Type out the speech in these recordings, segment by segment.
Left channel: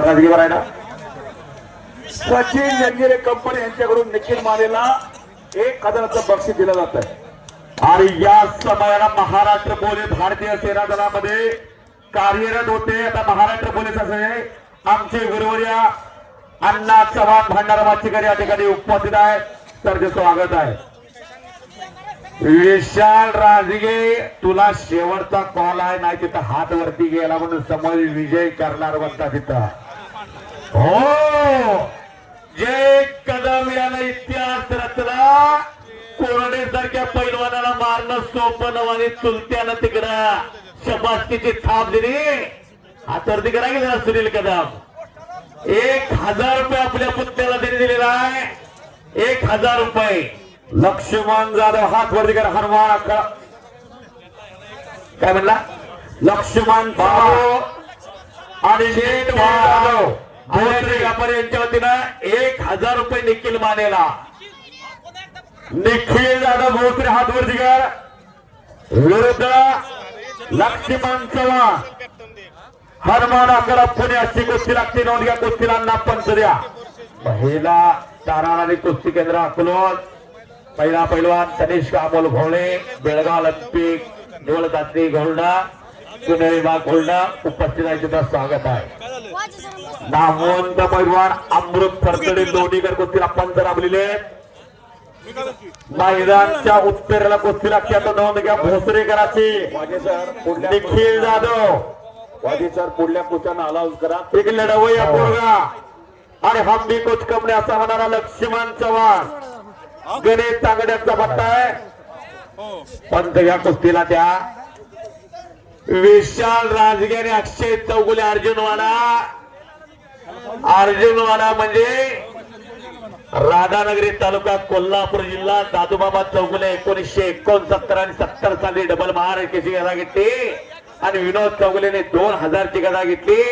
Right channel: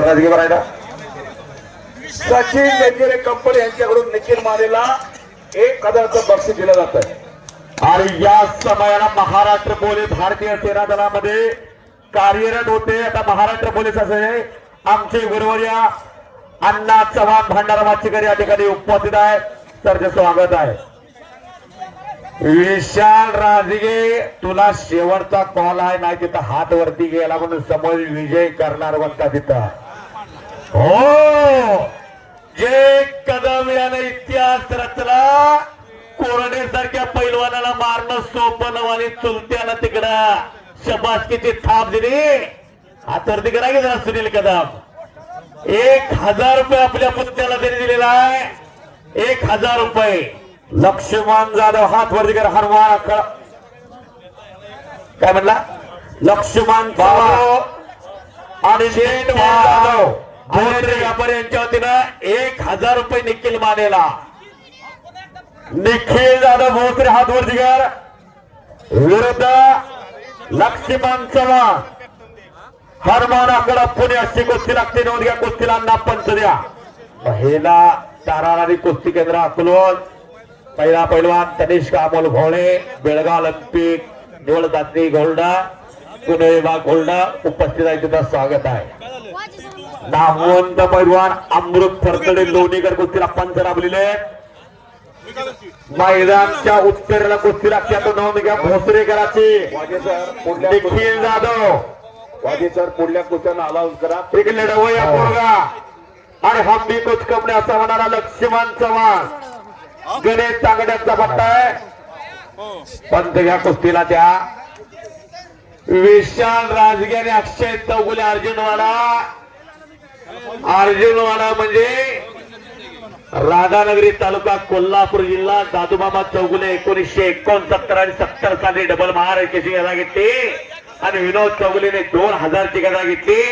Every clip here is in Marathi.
राजकीय बरायला सचिन वेंगेरे कंपनी यांच्याकडून निखिल मानेला एक हजाराचं बक्षीस दिलं जात आणि या समयाला महाराष्ट्र पोलीस भारतीय सेना दलामध्ये कार्यरत होते. आता महाराष्ट्र पोलीस असे आमचे गुरुवर्या अण्णा चव्हाण भंडारा वाचीकर या ठिकाणी उपस्थित आहे. तर ते स्वागत आहे. विशाल राजगे तुला शेवटचा कॉल आहे. नाही तिथं हात वरती गेला म्हणून समोर विजय करणार बघता तिथं. हो! जे कदम याने इतिहास रचला. कोरडे सारख्या पैलवानाला मारणं सोपं नवाने चुलत्याला तिकडं शबासकीची थाप दिली. हातवरती करा जरा सुनील कदम. एक हजार रुपये आपल्या पुत्याला त्यांनी दिलेला आहे. एक हजार रुपये. लक्ष्मण जाधव हात वरती करा. हनुमान काय म्हणला? लक्ष्मण जाधव आणि शेठ जाधव. भोसले व्यापारी यांच्या वतीनं एक हजार रुपये निखिल मानेला. निखिल जाधव भोसरे हात वरती कर विरुद्ध लक्ष्मण चव्हाण. हनुमान अकरा पुणे अशी कुस्ती लागते. नोंद घ्या कुस्तीला अण्णा पंच द्या. महिला ताराणारी कुस्ती केंद्र अकोलवड पहिला पैलवान तनिष्क अमोल भोळे बेळगाव ऑलिम्पिक निवड दात्री गोल्डा पुणे विभाग घोलडा उपस्थित आहे तिथं स्वागत आहे. नामवंत पैलवान अमृत फरतडे लोणीकर कुस्तीला पंच राबलेले. मैदानच्या उत्तरेला कुस्ती त्याचं नाव निघा घ्या निखिल जाधव. वाजे सर पुढल्या कुस्त्यांना अलाउन्स करा एक लढवया पोरगा. आणि हंबी कोच कपणे असा होणारा लक्ष्मण चव्हाण. गणेश तांगड्यांचा पट्टा आहे. पंत या कुस्तीला त्या. विशाल राजगिरी अक्षय चौगुले अर्जुनवाला अर्जुनवाडा म्हणजे राधानगरी तालुका कोल्हापूर जिल्हा दादूबाबा चौगुले एकोणीसशे एकोणसत्तर आणि सत्तर साली डबल महाराष्ट्राची गदा घेतली. आणि विनोद चौगुलेने दोन हजारची गदा घेतली.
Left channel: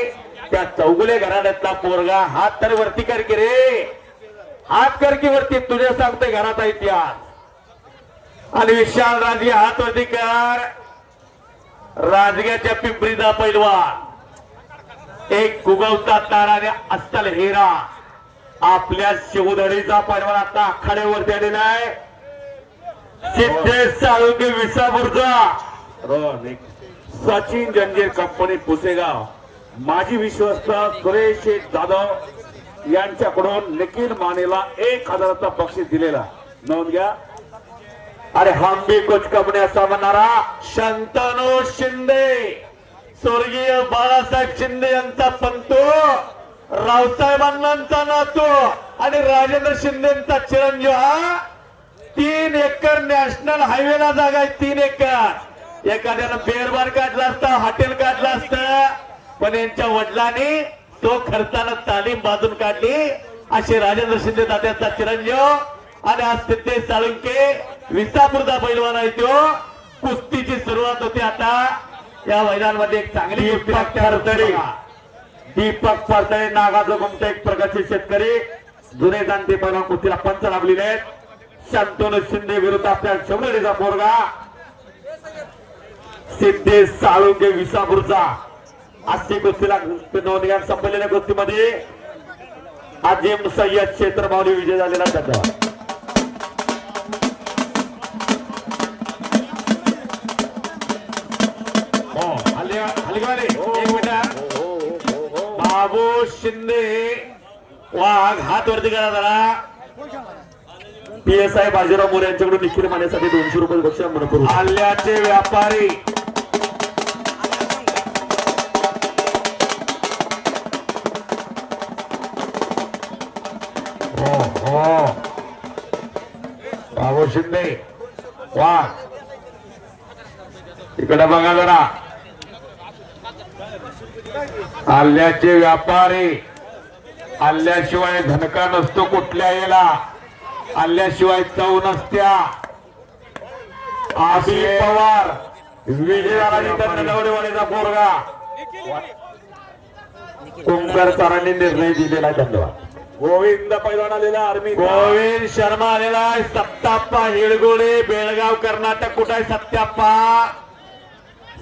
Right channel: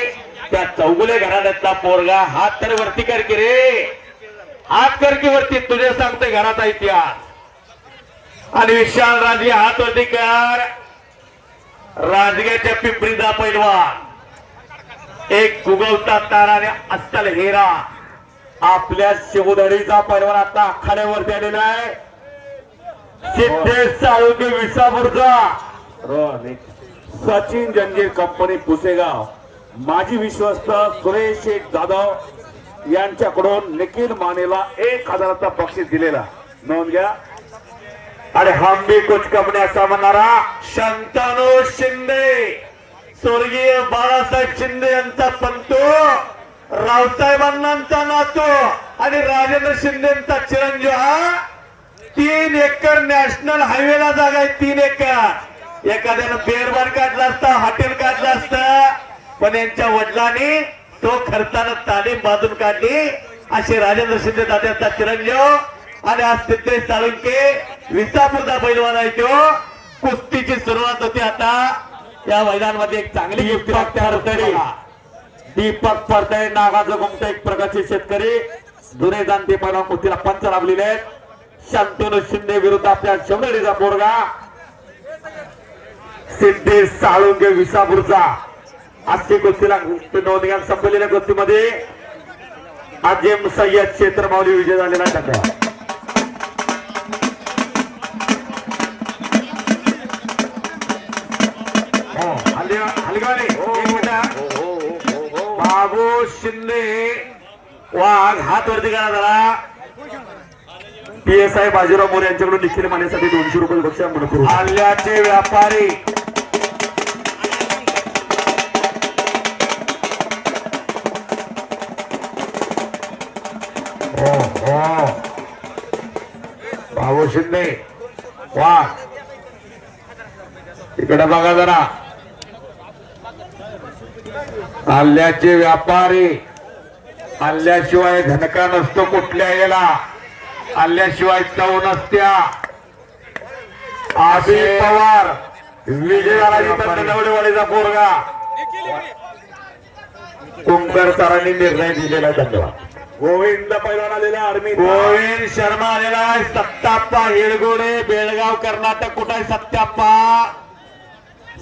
त्या चौगुले घराण्यातला पोरगा हात तर वरती कर की रे. हात कर की वरती तुझे सांगतोय घराचा इतिहास. आणि विशाल राजे हात वरती कर. राजगेच्या पिंपरीचा पैलवान. एक उगवता तारा अस्सल हेरा. आपल्या शिवधडीचा पैलवान आता आखाड्यावरती आलेला आहे. सिद्धेश आरोग्य विसापूरचा. सचिन जंगीर कंपनी पुसेगाव. माजी विश्वस्त सुरेश शेठ जाधव यांच्याकडून निखिल मानेला एक हजाराचा बक्षीस दिलेला. नोंद घ्या. अरे हम्बी कुछ कंपनी असा म्हणणारा शंतनु शिंदे. स्वर्गीय बाळासाहेब शिंदे यांचा पंतो रावसाहेब अण्णांचा नातो आणि राजेंद्र शिंदेचा चिरंजीव हा? तीन एकर नॅशनल हायवेला जागा आहे तीन एकर. एखाद्यानं बेरबार काढला असता हॉटेल काढलं असतं पण यांच्या वडिलांनी तो खर्चानं तालीम बाजून काढली. असे राजेंद्र शिंदे तात्याचा चिरंजीव आणि आज सिद्धेश साळुंके विसापूरचा पैलवान आहे तो. कुस्तीची सुरुवात होती आता. या मैदानामध्ये एक चांगली लागते हरतडी दीपक परतळे नागाचं गुमट एक प्रकारचे शेतकरी. जुने जाणते पैलवान कुस्तीला पंच लाभलेले आहेत. शांतनु शिंदे विरुद्ध आपल्या शंभरीचा पोरगा. सिद्धेश साळुंके विसापूरचा. अशी कुस्तीला नोंद घ्या संपलेल्या कुस्तीमध्ये अजिम सय्यद क्षेत्र माऊली विजय झालेला आहे. बाबू शिंदे. वाघ हात वरती करा जरा. P S I Bajirao More यांच्याकडून निखिल मानेसाठी दोनशे रुपये बक्षीस म्हणून करू. आल्याचे व्यापारी. हो हो. बाबू शिंदे वाघ. इकडे बघा जरा. आल्याचे व्यापारी आल्याशिवाय धनका नसतो कुठल्या याला. आल्याशिवाय चव नसत्या. आशी पवार विजयाला नवडेवाडीचा पोरगा. ओंकार सरांनी निर्णय दिलेला धन्यवाद. गोविंद पैलवान आलेला आर्मी गोविंद शर्मा आलेला आहे सत्ताप्पा हिरगोडे बेळगाव कर्नाटक कुठं आहे सत्ताप्पा?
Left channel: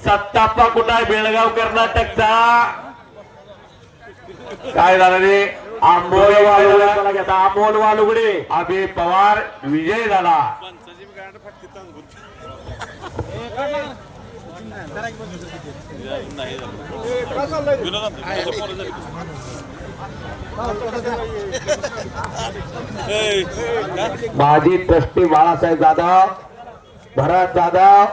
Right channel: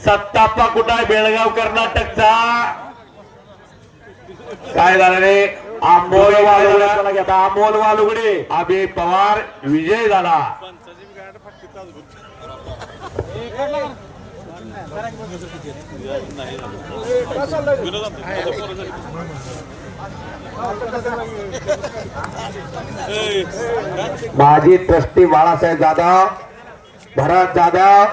सत्ताप्पा कुठं आहे? बेळगाव कर्नाटकचा. काय झालं रे? आंबोली वालुगडे अमोल वालुगडे अभि पवार विजय झाला. माजी ट्रस्टी बाळासाहेब जाधव भरत जाधव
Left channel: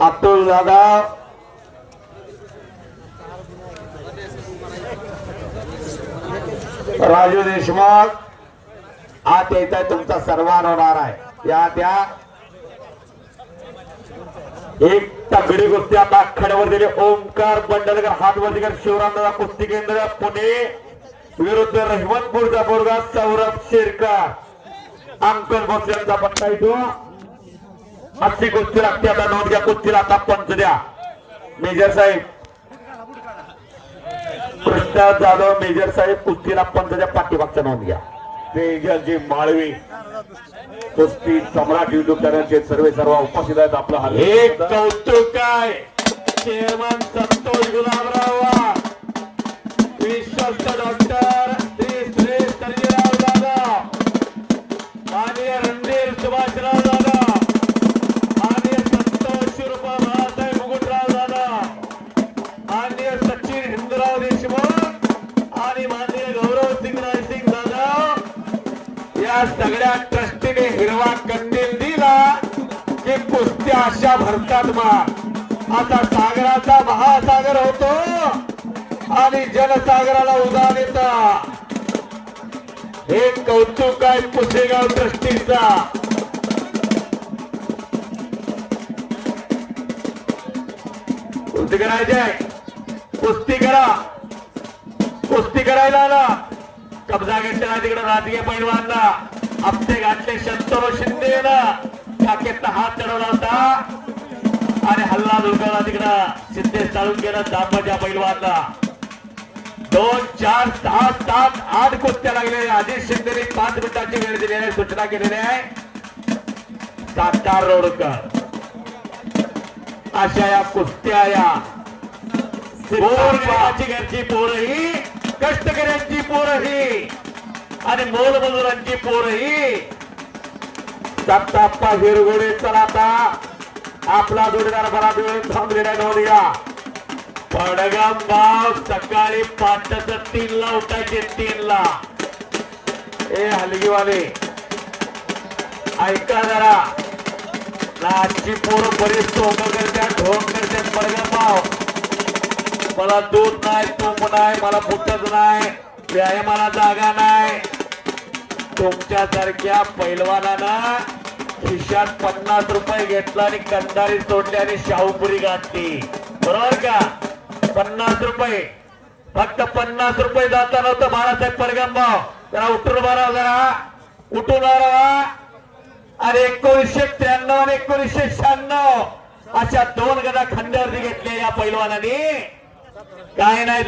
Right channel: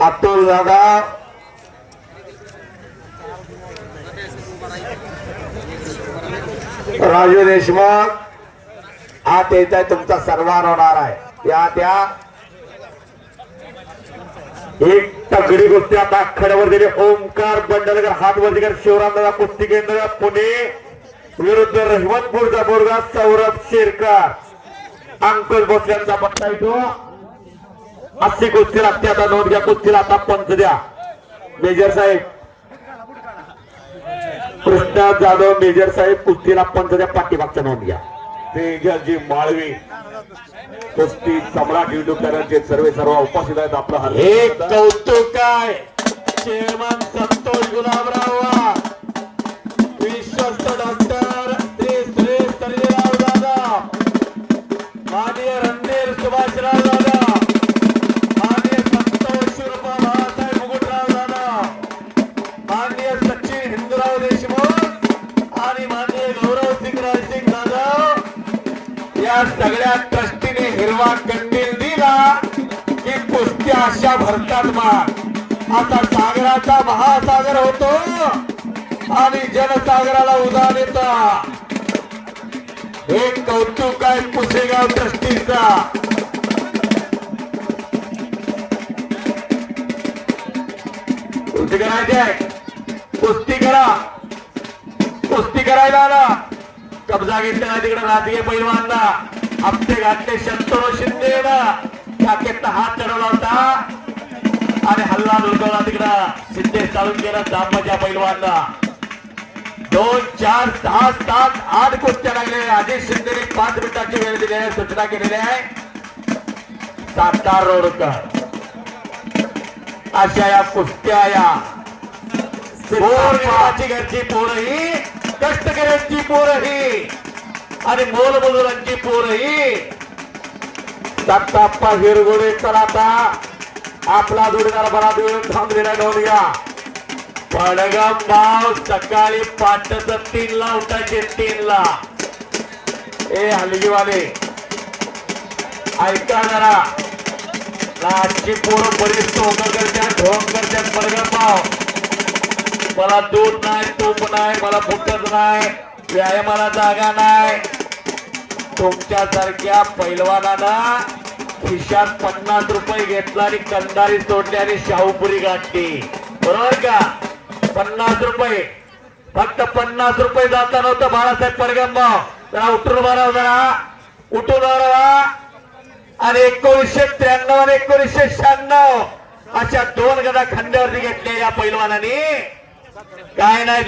अतुल दादा राजू देशमुख. हा त्याचा तुमचा सर्वान होणार आहे. या त्या. एक तगडी कुस्ती आता खड्यावर दिली. ओमकार बंडलकर हात वरती कर. शिवरामदादा कुस्ती केंद्र पुणे. विरुद्ध रहिमतपूरचा पोरगा सौरभ शेरकर. अंकल बोस यांचा पट्टा इथून. अशी कुस्ती लागते आता नोंद घ्या कुस्तीला आता पंच द्या. मेजर साहेब. कृष्णा जाधव मेजर साहेब कुस्तीला पंच द्या पाठीमागच्या नोंद घ्या. तेजसजी माळवी कुस्ती सम्राट युट्यूब चॅनलचे सर्व सर्व उपस्थित आहेत. आपला स्वागत. कौतुक आहे. चेअरमन संतोष गुलाबराव कुस्त्या अशा भरतात मा आता सागराचा महासागर होतो आणि जनसागराला उदान येत. हे कौतुक आहे पुसेगाव ट्रस्टीचा. कुस्ती करायचंय कुस्ती करा. कुस्ती करायला आला. कब्जा घेतलेला तिकडे राजकीय पैलवानला. आपले घातले शंतरो शिंदे टाकेत हात चढवला होता आणि हल्ला लुडकवला तिकडं सिद्धेश चालून गेला दांबाच्या पैलवानला दोन चार सहा सात आठ कुस्त्या लागलेल्या अजित शिंदेने पाच मिनिटाची वेळ दिली आहे सूचना केलेली आहे सातार रोडकर अशा या कुस्त्या या पोर गावाची घरची पोरही कष्टकऱ्यांची पोरही आणि मोलमजुरांची पोरही दत्ताप्पा हिरगोडे तर आता आपला जोडीदार बरा वेळ थांबलेला नव्हूया पडगम गाव सकाळी पाचच तीन ला उठायचे तीन ला. ए हलगीवाले. ऐका जरा. आजची पोरं बरीच टोकं करतात ढोंग करतात बर्गर पाव मला दूध नाही तूप नाही मला फुटत नाही व्यायामाला जागा नाही. तुमच्यासारख्या पैलवानानं खिशात पन्नास रुपये घेतला आणि कंदारी सोडली आणि शाहूपुरी गाठली. बरोबर का? पन्नास रुपये. फक्त पन्नास रुपये जाता नव्हतं बाळासाहेब परगंबाव जरा उठून मारा जरा. उठून मारा आणि एकोणीसशे त्र्याण्णव आणि एकोणीसशे शहाण्णव अशा दोन गदा खंड्यावरती घेतल्या या पैलवानाने. काय नाही